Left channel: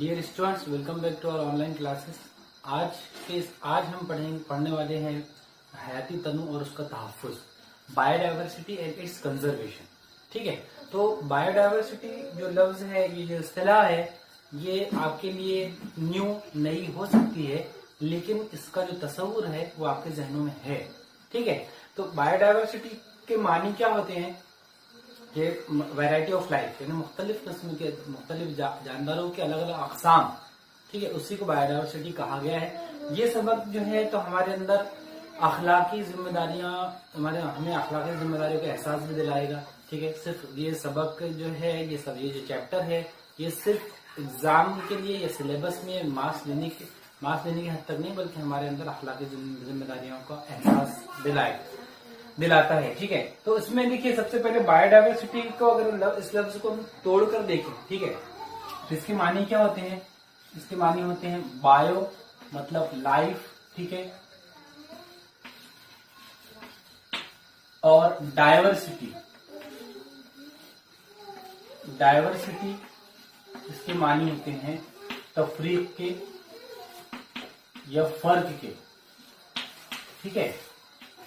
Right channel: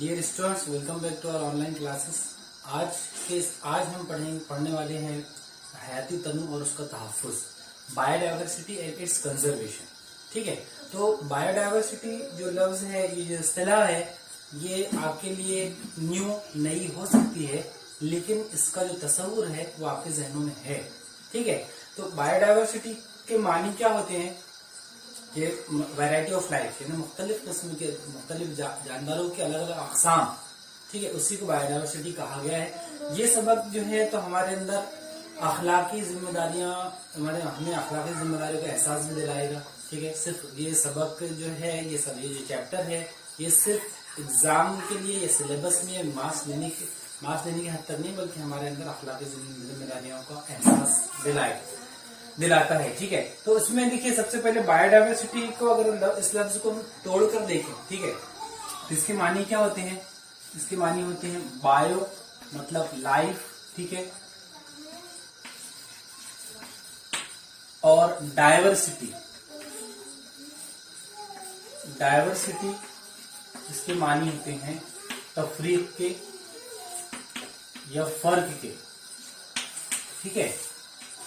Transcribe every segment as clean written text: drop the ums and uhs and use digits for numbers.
Dear students, welcome back to our online classes. आज हम पढ़ने वाले हैं हयाती तनु और उसका तहफ़्फ़ुज़, बायोडाइवर्सिटी एंड इट्स कंजर्वेशन। ठीक है, तो बायोडाइवर्सिटी जो लफ्ज है, ये जो इस्तिलाह है, ये आपके लिए नई हो सकती है, लेकिन इसका जो तस्वुर है वो आपके जहनों में है। ठीक है, तो बायोडाइवर्सिटी के मानी क्या होते हैं कि वैरायटी ऑफ लाइफ, यानी मुख्तलिफ किस्म के मुख्तलिफ जानदारों के अलग अलग अकसाम। ठीक है, उसी को बायोडाइवर्सिटी कहा गया है। ये सबक जो है तो हमारे अंदर अखलाकी जिम्मेदारियां, हमें अखलाकी जिम्मेदारियों का एहसास भी दिलाएगा। ठीक है, सिर्फ ये सबक जो है, ये जो चैप्टर है, ये सिर्फ एग्जाम के लिए या सिलेबस में मार्क्स लेने की हद तक नहीं, बल्कि हमारे अंदर अखलाकी जिम्मेदारियों का एहसास दिलाता है। ठीक है, तो इसमें देखिए, सबसे पहले बायोडाइवर्सिटी को अगर इस लफ्ज को तोड़कर देखें, ठीक है, तो इसके मानी क्या होते हैं? इसके मानी होते हैं बायो मतलब लाइफ, ठीक है, और डाइवर्सिटी इसके मानी होते हैं तफरीक के या फर्क के। ठीक है,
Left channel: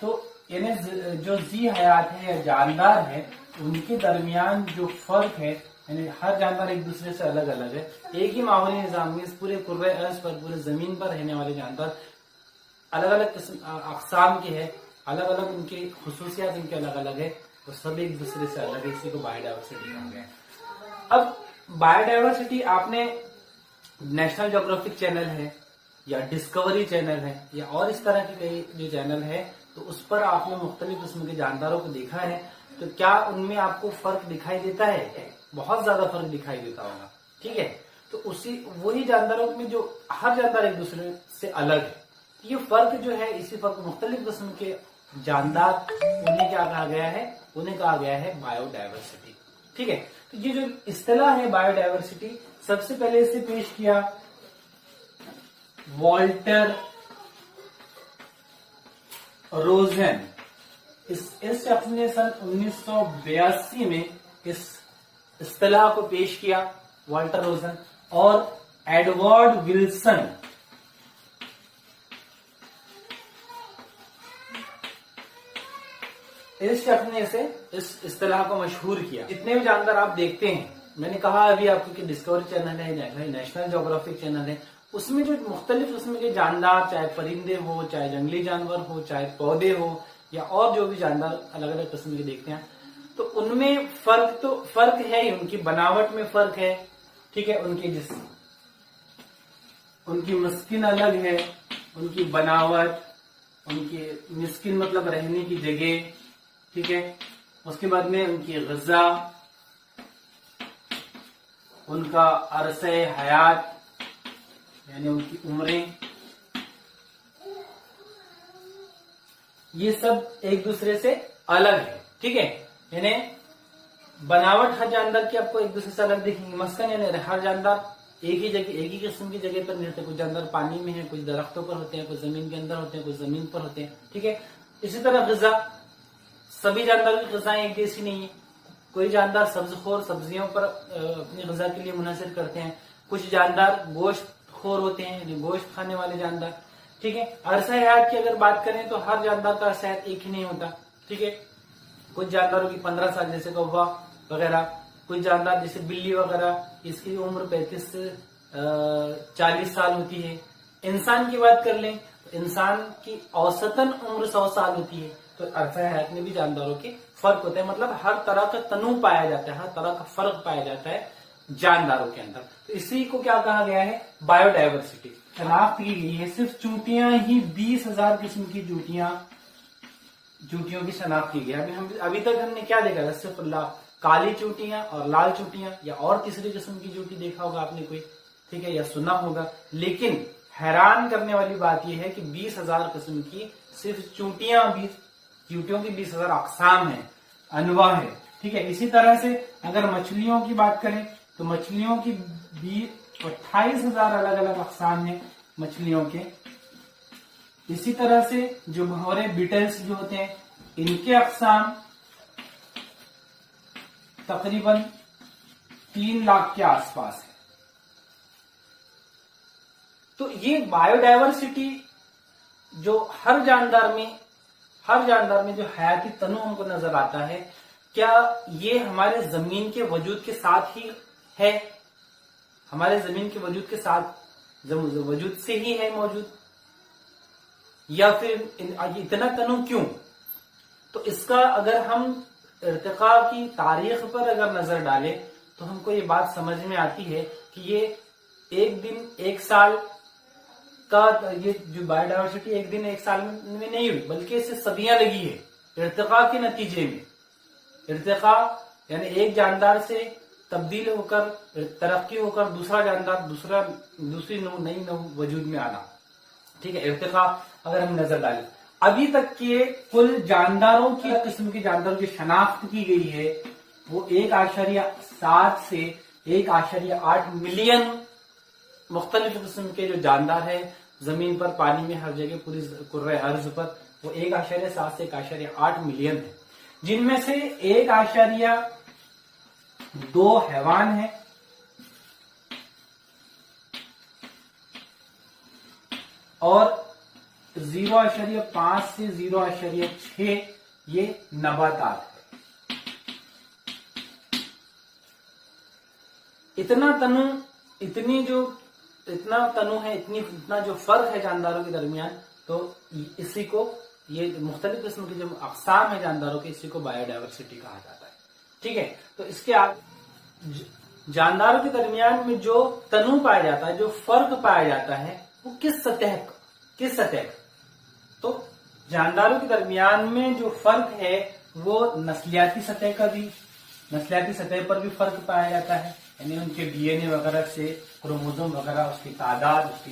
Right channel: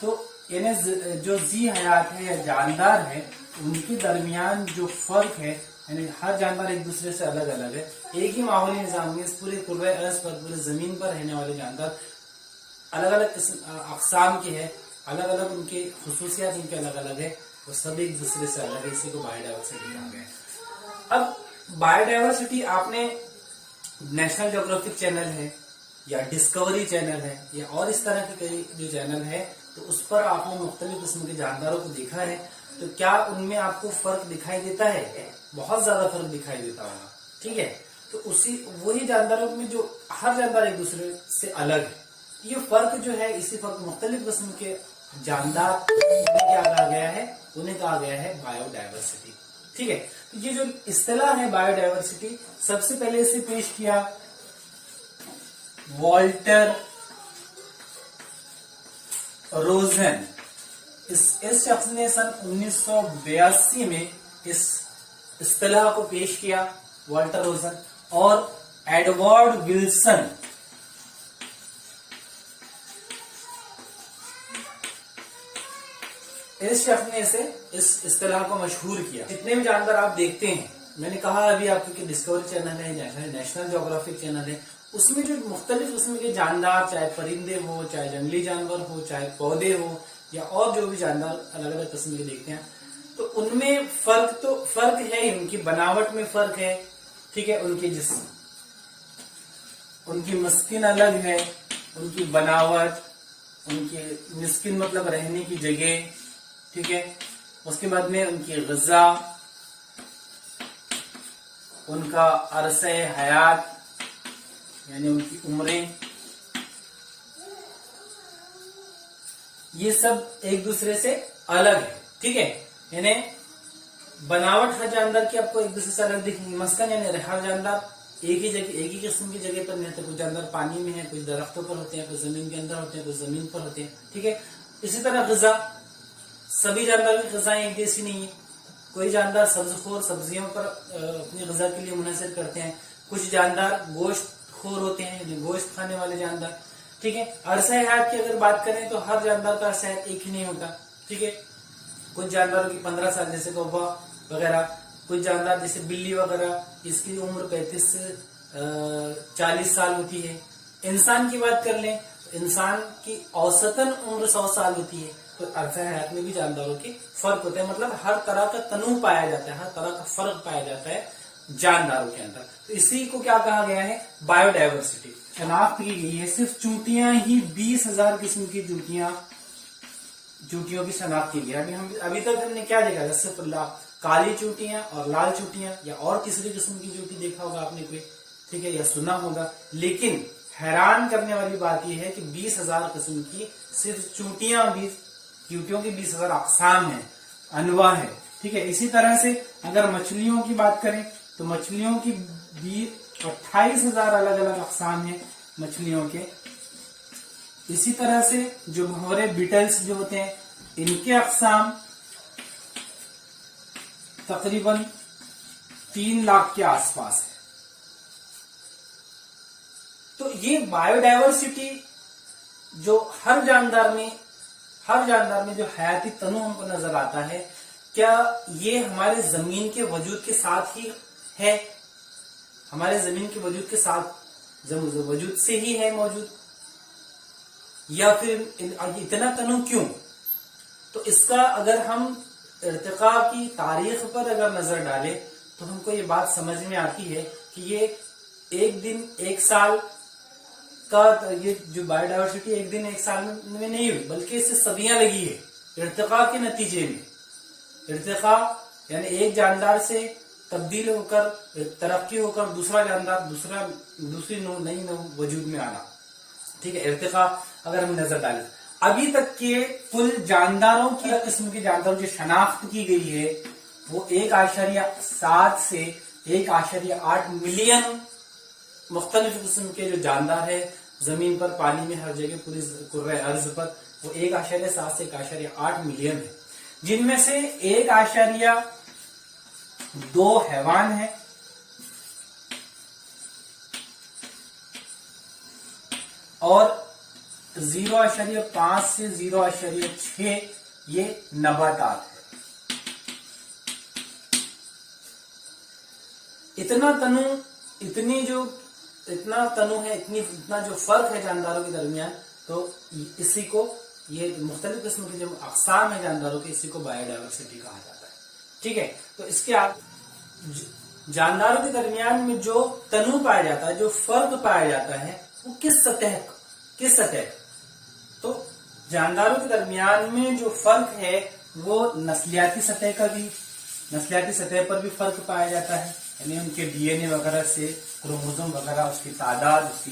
तो यानी जो जी हयात है या जानदार है, उनके दरमियान जो फर्क है, यानी हर जानदार एक दूसरे से अलग अलग है। एक ही माहौली निजाम में इस पूरे कुर्रे अर्ज़ पर, पूरे जमीन पर रहने वाले जानदार अलग अलग अक़साम के हैं, अलग अलग उनकी खुसूसियात उनके अलग अलग है, वो सब एक दूसरे से अलग है। इसी को बायोडाइवर्सिटी कहा गया है। अब बायोडाइवर्सिटी आपने नेशनल ज्योग्राफिक चैनल है या डिस्कवरी चैनल है या और इस तरह के कई जो चैनल है, तो उस पर आपने मुख्तलिफ किस्म के जानदारों को देखा है, तो क्या उनमें आपको फर्क दिखाई देता है? बहुत ज्यादा फर्क दिखाई देता होगा। ठीक है, तो वही जानदारों में जो हर जानदार एक दूसरे से अलग है, ये फर्क जो है, इसी फर्क मुख्तलिफ किस्म के जानदार, उन्हें क्या कहा गया है? उन्हें कहा गया है बायोडाइवर्सिटी। ठीक है, तो ये जो इस्तिलाह है बायोडाइवर्सिटी, सबसे पहले इसे पेश किया वॉल्टर रोजन। इस शख्स ने सन 1982 में इस इस्तिलाह को पेश किया, वॉल्टर रोजन और एडवर्ड विल्सन। इस शख्स ने इस इस्तिलाह को मशहूर किया। जितने भी जानदार आप देखते हैं, मैंने कहा अभी आपको कि डिस्कवरी चैनल है, नेशनल ज्योग्राफिक चैनल है, उसमें जो मुख्तलिफ किस्म के जानदार, चाहे परिंदे हो, चाहे जंगली जानवर हो, चाहे पौधे हो, या और जो भी जानदार अलग अलग किस्म के देखते हैं, तो उनमें फर्क है ही, उनकी बनावट में फर्क है। ठीक है, उनकी मस्किन अलग है, उनकी बनावट, उनकी मिस्किन मतलब रहने की जगह। ठीक है, उसके बाद में उनकी ग़िज़ा, उनका अरसे हयात यानी उनकी उम्रें, ये सब एक दूसरे से अलग है। ठीक है, यानी बनावट हर जानदार की आपको एक दूसरे से अलग दिखेंगी। मस्कन यानी हर जानदार एक ही किस्म की जगह पर नहीं रहते। कुछ जानदार पानी में है, कुछ दरख्तों पर होते हैं, कुछ जमीन के अंदर होते हैं, कुछ जमीन पर होते हैं। ठीक है, इसी तरह ग़िज़ा, सभी जानदारों की ग़िज़ाएं एक जैसी नहीं है। कोई जानदार सब्ज़खोर, सब्जियों पर अपनी ग़िज़ा के लिए मुनहसर करते हैं। कुछ जानदार गोश्त खोर होते हैं, गोश्त खाने वाले जानदार। ठीक है, अरसा हयात की अगर बात करें तो हर जानदार का अरसा हयात एक ही नहीं होता। ठीक है, कुछ जानदारों की 15 साल, जैसे कौवा वगैरह, कुछ जानदार जैसे बिल्ली वगैरह, इसकी उम्र 35 से 40 साल होती है। इंसान की बात कर लें तो इंसान की औसतन उम्र 100 साल होती है। तो अरसा हयात में भी जानदारों के फर्क होते हैं, मतलब हर तरह का तनु पाया जाता है, हर तरह का फर्क पाया जाता है जानदारों के अंदर। तो इसी को क्या कहा गया है? बायोडाइवर्सिटी। शनाख्त की गई है सिर्फ चूंटियां ही, 20,000 किस्म की चूंटियों की शनाख्त की गई है। अभी तक हमने क्या देखा था? सिर्फ काली चूंटियां और लाल चूंटियां, या और तीसरी किस्म की चूंटी देखा होगा आपने कोई, ठीक है, या सुना होगा। लेकिन हैरान करने वाली बात यह है कि 20,000 किस्म की सिर्फ चूंटियों की 20,000 अक़साम है, अनवा है। ठीक है, इसी तरह से अगर मछलियों की बात करें तो मछलियों की 28,000 अलग अलग अक़साम है मछलियों के। इसी तरह से जो भंवरे बीटल्स जो होते हैं, इनके अक़साम तकरीबन 3 लाख के आसपास है। तो ये बायोडायवर्सिटी जो हर जानदार में जो हयाती तनु हमको नजर आता है, क्या ये हमारे जमीन के वजूद के साथ ही है, हमारे जमीन के वजूद के साथ वजूद से ही है मौजूद, या फिर इतना तनु क्यों? तो इसका अगर हम इर्तिका की तारीख पर अगर नजर डालें तो हमको ये बात समझ में आती है कि ये एक दिन एक साल का, ये जो बायोडायवर्सिटी एक दिन एक साल में नहीं हुई, बल्कि इससे सदियां लगी है इर्तिका के नतीजे में। इर्तिका यानी एक जानदार से तब्दील होकर, तरक्की होकर दूसरा जानदार, दूसरी नई वजूद में आना। ठीक है, इर्तिका अगर हम नजर डालें, अभी तक के कुल जानदारों की किस्म के जानदारों की शनाख्त की गई है वो 1.7 से 1.8 मिलियन मुख्तलिफ किस्म के जो जानदार है जमीन पर, पानी में, हर जगह, पूरी कुर्रे अर्ज पर, वो 1.7 से 1.8 मिलियन है, जिनमें से 1.2 हैवान है और 0.5 से 0.6 ये नबातात है। इतना तनु है, इतना जो फर्क है जानदारों के दरमियान, तो इसी को, ये मुख्तलिफ किस्म की जो अक़साम है जानदारों के, इसी को बायोडायवर्सिटी कहा जाता है। ठीक है, तो इसके जानदारों के दरमियान में जो तनु पाया जाता है, जो फर्क पाया जाता है, वो किस सतह का? तो जानदारों के दरमियान में जो फर्क है वो नस्लियाती सतह पर भी फर्क पाया जाता है, यानी उनके डीएनए वगैरह से, क्रोमोसोम वगैरह, उसकी तादाद, उसकी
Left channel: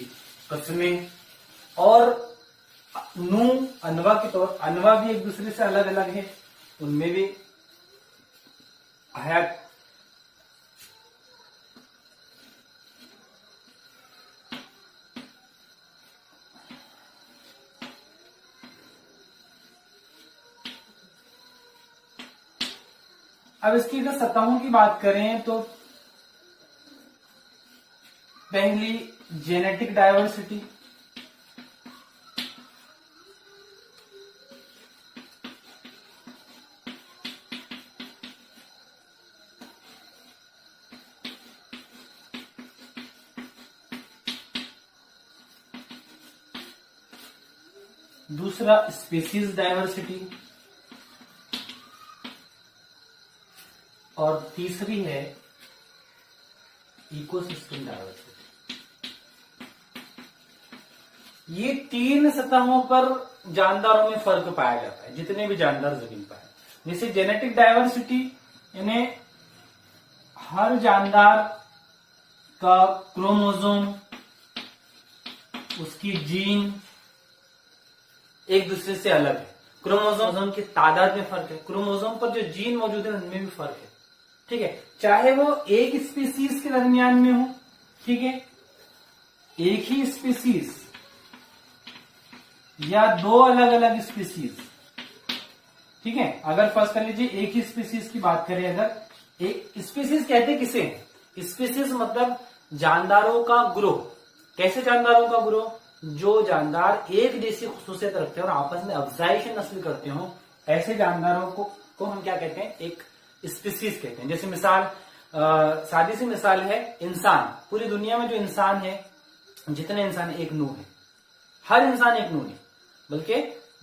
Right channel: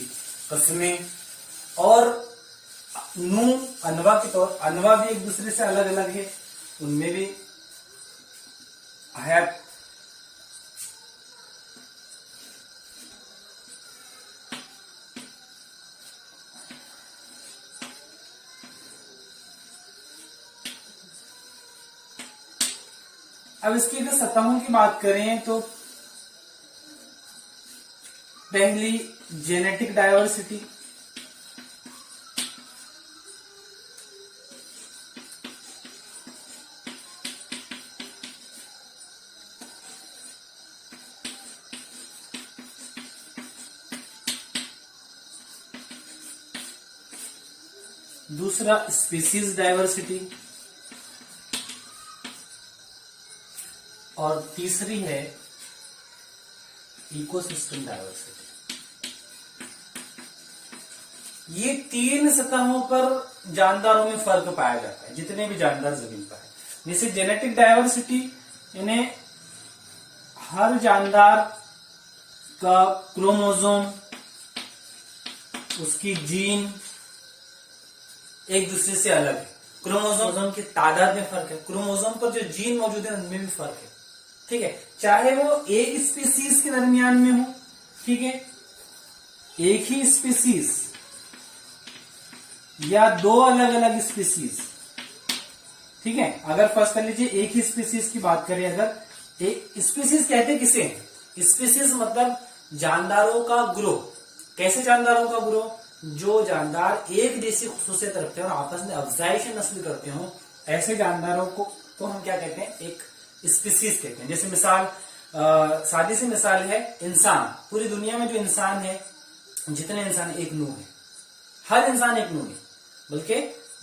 किस्में, और अनवा के तौर, अनवा भी एक दूसरे से अलग अलग है, उनमें भी हयात अब इसकी अगर सतहों की बात करें तो पहली जेनेटिक डायवर्सिटी, दूसरा स्पीसीज डायवर्सिटी, और तीसरी है इकोसिस्टम डायवर्सिटी। ये 3 सतहों पर जानदारों में फर्क पाया जाता है, जितने भी जानदार जमीन पर है। जैसे जेनेटिक डायवर्सिटी, यानी हर जानदार का क्रोमोसोम, उसकी जीन एक दूसरे से अलग है। क्रोमोसोम की तादाद में फर्क है, क्रोमोसोम पर जो जीन मौजूद है उनमें भी फर्क है। ठीक है, चाहे वो एक स्पीसीज के दरमियान में हो, ठीक है, एक ही स्पीसीज या 2 अलग अलग स्पीसीज। ठीक है, अगर फर्स्ट कर लीजिए एक ही स्पीसीज की बात करें, अगर एक स्पीसीज कहते किसे हैं? स्पीसीज मतलब जानदारों का ग्रोह। कैसे जानदारों का ग्रोह? जो जानदार एक जैसी खुसूसियत रखते हैं और आपस में अफजाइश नस्ल करते हो, ऐसे जानदारों को हम क्या कहते हैं? एक स्पीसीज कहते हैं। जैसे मिसाल, सादी सी मिसाल है इंसान। पूरी दुनिया में जो इंसान है, जितने इंसान, एक नूह है। हर इंसान एक नूह है, बल्कि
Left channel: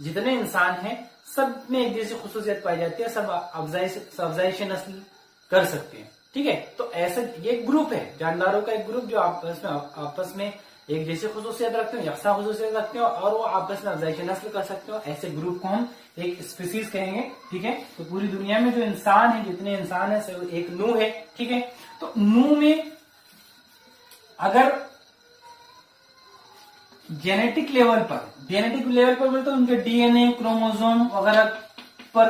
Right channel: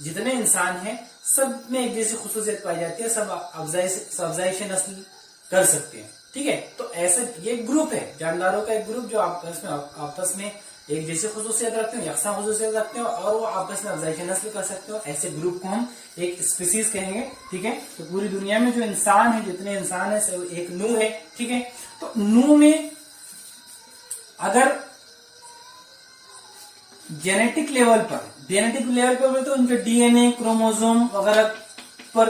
जितने इंसान हैं सब में एक जैसी खुसूसियत पाई जाती है, सब अफजाइश नस्ल कर सकते हैं। ठीक है, तो ऐसे ये ग्रुप है जानदारों का, एक ग्रुप जो आपस में एक जैसी खुसूसियत रखते हो, यकसा खुसूसियत रखते हो, और वो आपस में अफजाइश नस्ल कर सकते हो। ऐसे ग्रुप को हम एक स्पीसीज कहेंगे। ठीक है, तो पूरी दुनिया में जो इंसान है, जितने इंसान है, सब एक नूह है। ठीक है, तो नूह में अगर जेनेटिक लेवल पर तो उनके डीएनए, क्रोमोसोम वगैरह पर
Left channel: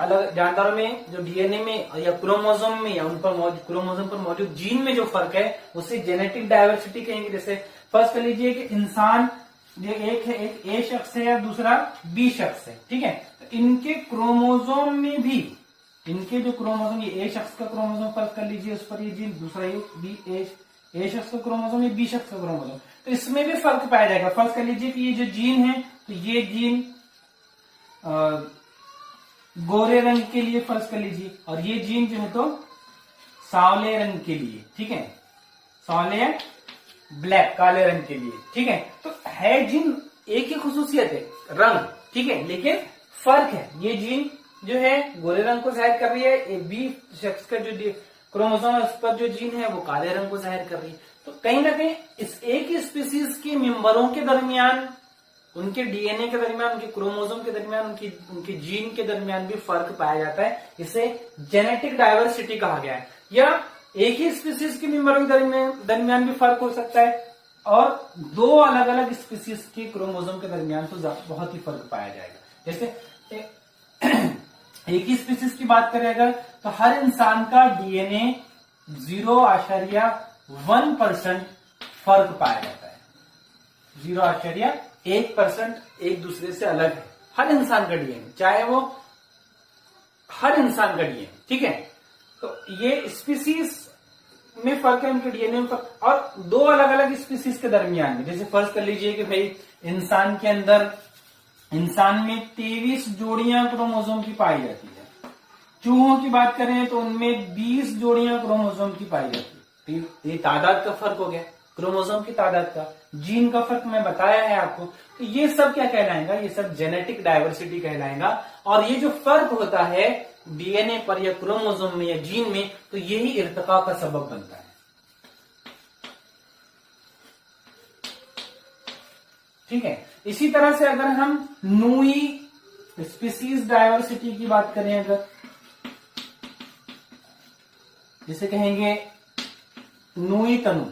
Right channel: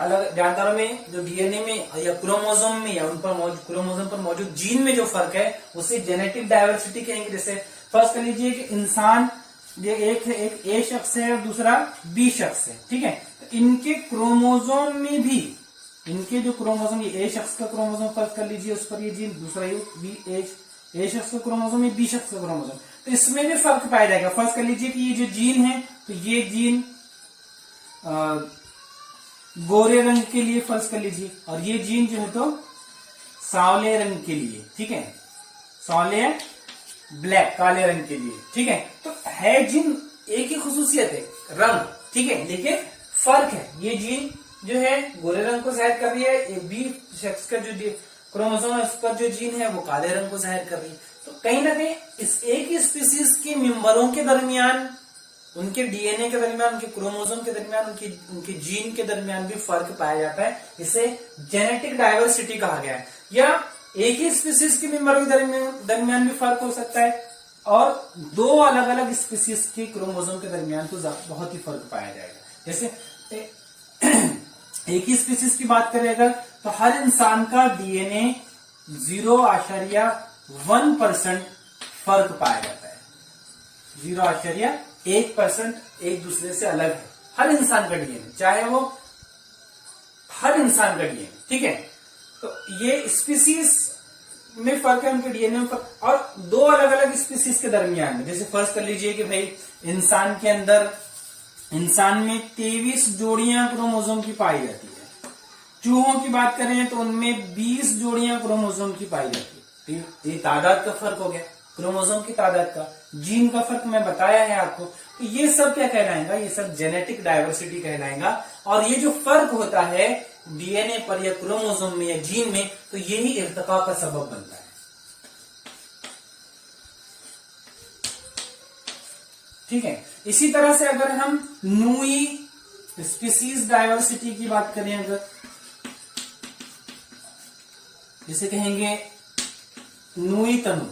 अलग, जानदारों में जो डीएनए में या क्रोमोसोम में या उन पर क्रोमोसोम पर मौजूद जीन में जो फर्क है, उसे जेनेटिक डायवर्सिटी कहेंगे। जैसे फर्स्ट कर लीजिए कि इंसान, ये एक है, एक ए शख्स है और दूसरा बी शख्स है। ठीक है, तो इनके क्रोमोसोम में भी, इनके जो क्रोमोसोम, ये ए शख्स का क्रोमोसोम फर्स्ट कर लीजिए, उस पर ये जीन, दूसरा ये बी ए शख्स का क्रोमोसोम, ये बी शख्स का क्रोमोसोम, तो इसमें भी फर्क पाया जाएगा। फर्स्ट कर लीजिए कि ये जो जीन है, तो ये जीन गोरे रंग के लिए फर्ज कर लीजिए, और ये जीन जो है तो सांवले रंग के लिए, ठीक है, सांवले ब्लैक काले रंग के लिए, ठीक है। तो है जीन एक ही खुसूसियत है, रंग, ठीक है, लेकिन फर्क है। ये जीन जो है गोरे रंग को जाहिर कर रही है, बी शख्स का जो क्रोमोसोम है उस पर जो जीन है वो काले रंग को जाहिर कर रही है। तो कहीं ना कहीं इस एक ही स्पीसीज के मेंबरों के दरमियान, उनके डीएनए के दरमियान, उनके क्रोमोसोम के दरमियान, उनके जीन के दरमियान भी फर्क पाया जाता है। इसे जेनेटिक डाइवर्सिटी कहा गया है। या एक ही स्पीसीज के मेंबरों के दरमियान भी फर्क हो सकता है, और दो अलग अलग स्पीसीज के क्रोमोसोम के दरमियान तो बहुत ही फर्क पाया जाएगा। जैसे एक ही स्पीसीज की बात करेगा तो हर इंसान का डीएनए 0.1% फर्क पाया जाता है। 0.1% एक दूसरे से अलग है हर इंसान का डीएनए, चाहे वो हर इंसान का डीएनए, ठीक है। तो ये स्पीसीज में फर्क है, उनके डीएनए में फर्क, और दो अलग अलग स्पीसीज के दरमियान में, जैसे फर्ज कर लीजिए कि भाई इंसान के अंदर, इंसान में 23 जोड़ियां क्रोमोसोम की पाई जाती है। चूहों की बात करें तो उनमें 20 जोड़ियां क्रोमोसोम की पाई जाती है। तो ये तादाद का फर्क हो गया, क्रोमोसोम की तादाद का, जीन का फर्क मैं बताया है आपको। तो ये सब क्या कहलाएगा, ये सब जेनेटिक डाइवर्सिटी कहलाएगा। और ये जो फर्क होता है डीएनए पर या क्रोमोसोम में या जीन में, तो यही इर्तिका का सबब बनता है। ठीक है। इसी तरह से अगर हम नूई स्पीसीज डाइवर्सिटी की बात करें, अगर जिसे कहेंगे नूई तनु,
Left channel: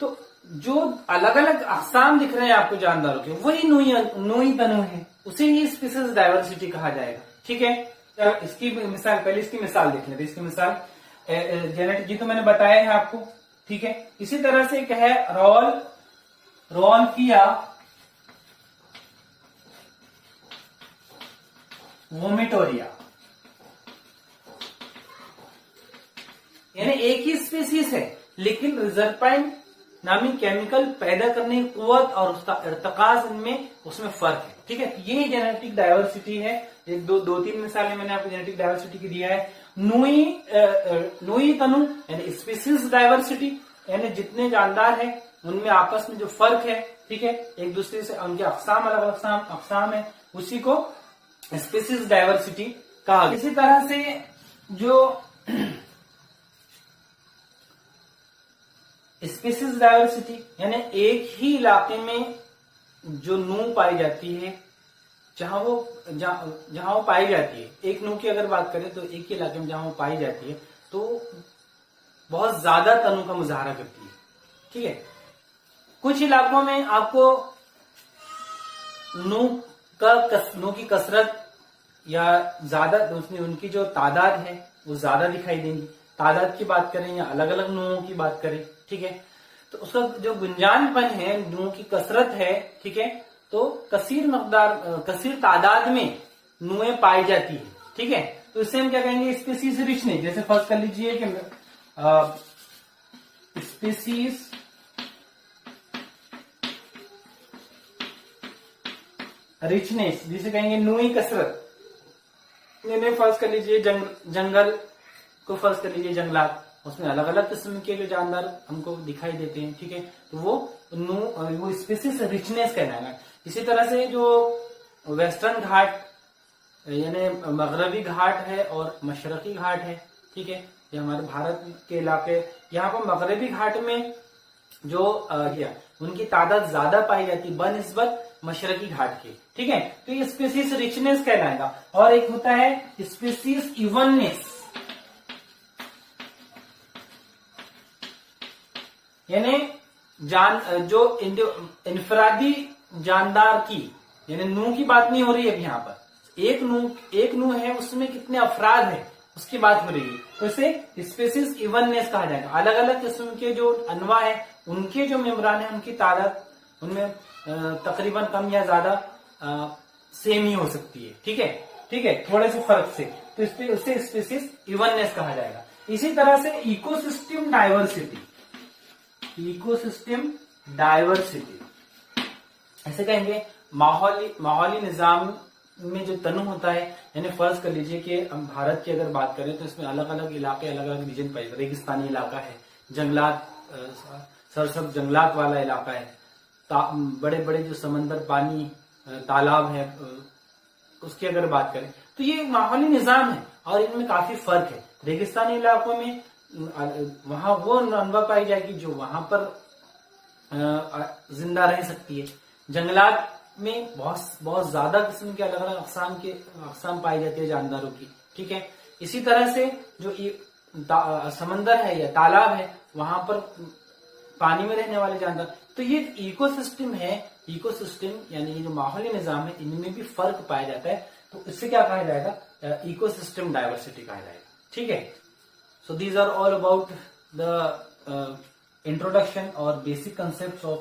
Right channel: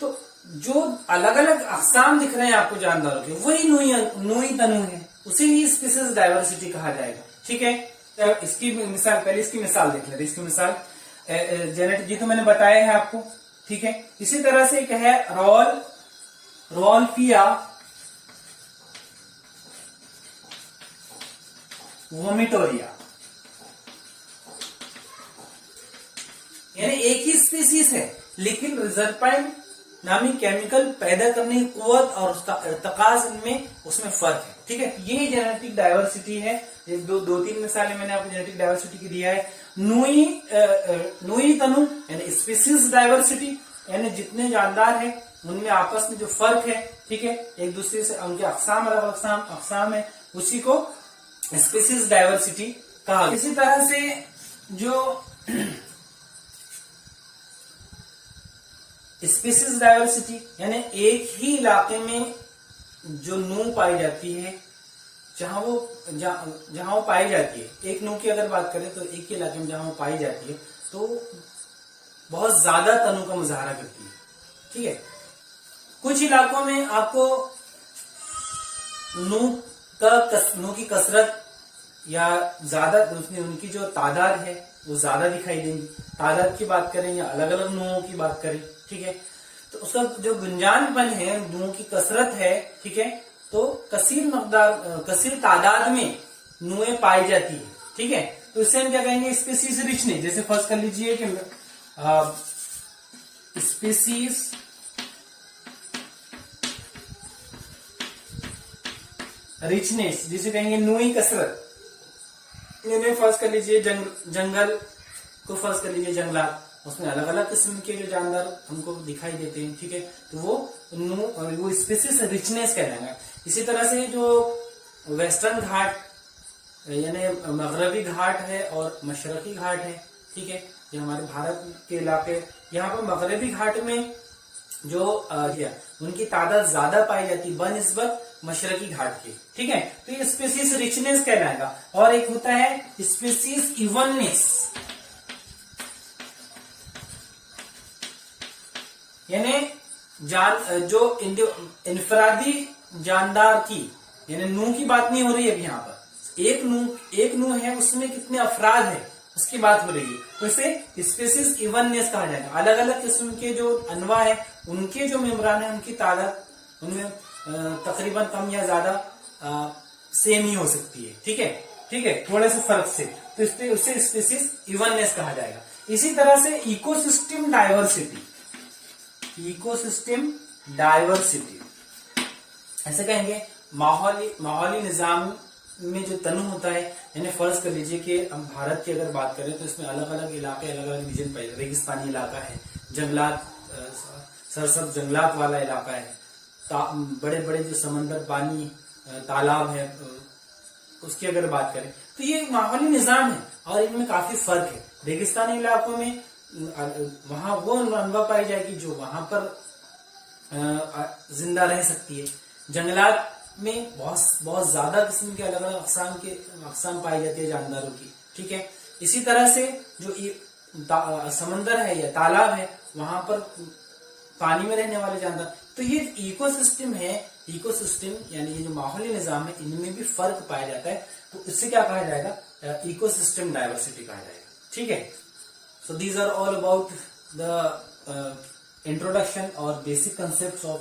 तो जो अलग अलग अक़साम दिख रहे हैं आपको जानदारों के, वही नूई तनु है, उसे ही स्पीसीज डाइवर्सिटी कहा जाएगा। ठीक है। तो इसकी मिसाल, पहले इसकी मिसाल देख लेते हैं। इसकी मिसाल जेनेटिक, ये तो मैंने बताया है आपको, ठीक है। इसी तरह से एक है रोल्फिया वोमिटोरिया, यानी एक ही स्पीसीज है लेकिन रिजर्पाइन नामी केमिकल पैदा करने की कुव्वत और उसका इर्तिकाज इनमें, उसमें फर्क है। ठीक है। ये जेनेटिक डाइवर्सिटी है। ये दो तीन मिसालें मैंने आपको जेनेटिक डाइवर्सिटी की दिया है। नूई तनु यानी स्पीसीज डाइवर्सिटी, यानी जितने जानदार हैं उनमें आपस में जो फर्क है, ठीक है, एक दूसरे से उनके अक़साम अलग अक़साम है, उसी को स्पीसीज डाइवर्सिटी कहा। इसी तरह से जो स्पीसीज डाइवर्सिटी यानी एक ही इलाके में जो नू पाई जाती है, जहां वो पाई जाती है, एक नू की अगर बात करें तो एक ही इलाके में जहां वो पाई जाती है तो बहुत ज्यादा तनु का मुजाहरा करती है। ठीक है। कुछ इलाकों में आपको नू की कसरत या ज्यादा, उनकी जो तादाद है वो ज्यादा दिखाई देंगी। तादाद की बात करें या अलग अलग नुओं की बात करें, ठीक है, तो उसका जो गुंजानपन है, नुओं की कसरत है, ठीक है, तो कसीर तादाद में नुएं पाई जाती है। ठीक है। तो इससे हम क्या कहेंगे, स्पीसीज रिचनेस। जैसे फर्स्ट कर लीजिए कि स्पीसीज रिचनेस, जिसे कहेंगे नुई कसरत। इनमें फर्ज कर लीजिए जंगल को फर्ज कर लीजिए, जंगलात, उसमें अलग अलग किस्म के जो जानवर हमको दिखाई देते हैं। ठीक है। तो वो स्पीसीज रिचनेस कहलाएगा। इसी तरह से जो वेस्टर्न घाट यानी मगरबी घाट है और मशरकी घाट है, ठीक है, ये हमारे भारत के इलाके, यहाँ पर मगरबी घाट में जो उनकी तादाद ज्यादा पाई जाती है बनिस्बत मशरकी घाट के। ठीक है। तो ये स्पीसीज रिचनेस कहलाएगा। और एक होता है स्पीसीज इवननेस, यानी जो इंफरादी जानदार की, यानी नू की बात नहीं हो रही है यहाँ पर, एक नू है, उसमें कितने अफराद है उसकी बात हो रही है, तो इसे स्पीसीज इवननेस कहा जाएगा। अलग अलग किस्म के जो अनवा है, उनके जो मेम्ब्रान है, उनकी तादाद उनमें तकरीबन कम या ज्यादा सेम ही हो सकती है। ठीक है। ठीक है, थोड़े से फर्क से, तो उससे स्पीसीज इवननेस कहा जाएगा। इसी तरह से इकोसिस्टम डाइवर्सिटी, इकोसिस्टम डाइवर्सिटी ऐसे कहेंगे माहौली निजाम में जो तनु होता है, यानी फर्ज कर लीजिए कि हम भारत की अगर बात करें तो इसमें अलग अलग इलाके, अलग अलग रीजन पाए, रेगिस्तानी इलाका है, जंगलात, सरसब्ज जंगलात वाला इलाका है, बड़े बड़े जो समंदर, पानी, तालाब है, उसकी अगर बात करें तो ये माहौली निजाम है और इनमें काफी फर्क है। रेगिस्तानी इलाकों में वहां वो अनवा पाई जाएगी जो वहां पर जिंदा रह सकती है। जंगलात में बहुत ज्यादा किस्म के अलग अलग अकसाम पाई जाती है जानदारों की, ठीक है। इसी तरह से जो समंदर है या तालाब है, वहां पर पानी में रहने वाले जानदार। तो ये इकोसिस्टम है, इकोसिस्टम यानी ये जो माहौली निजाम है, इनमें भी फर्क पाया जाता है। तो इससे क्या कहा जाएगा, इकोसिस्टम डाइवर्सिटी कहा जाएगा, ठीक है। So these are all about the introduction और basic concept of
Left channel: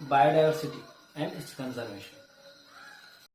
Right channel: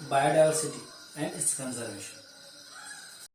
biodiversity and its conservation.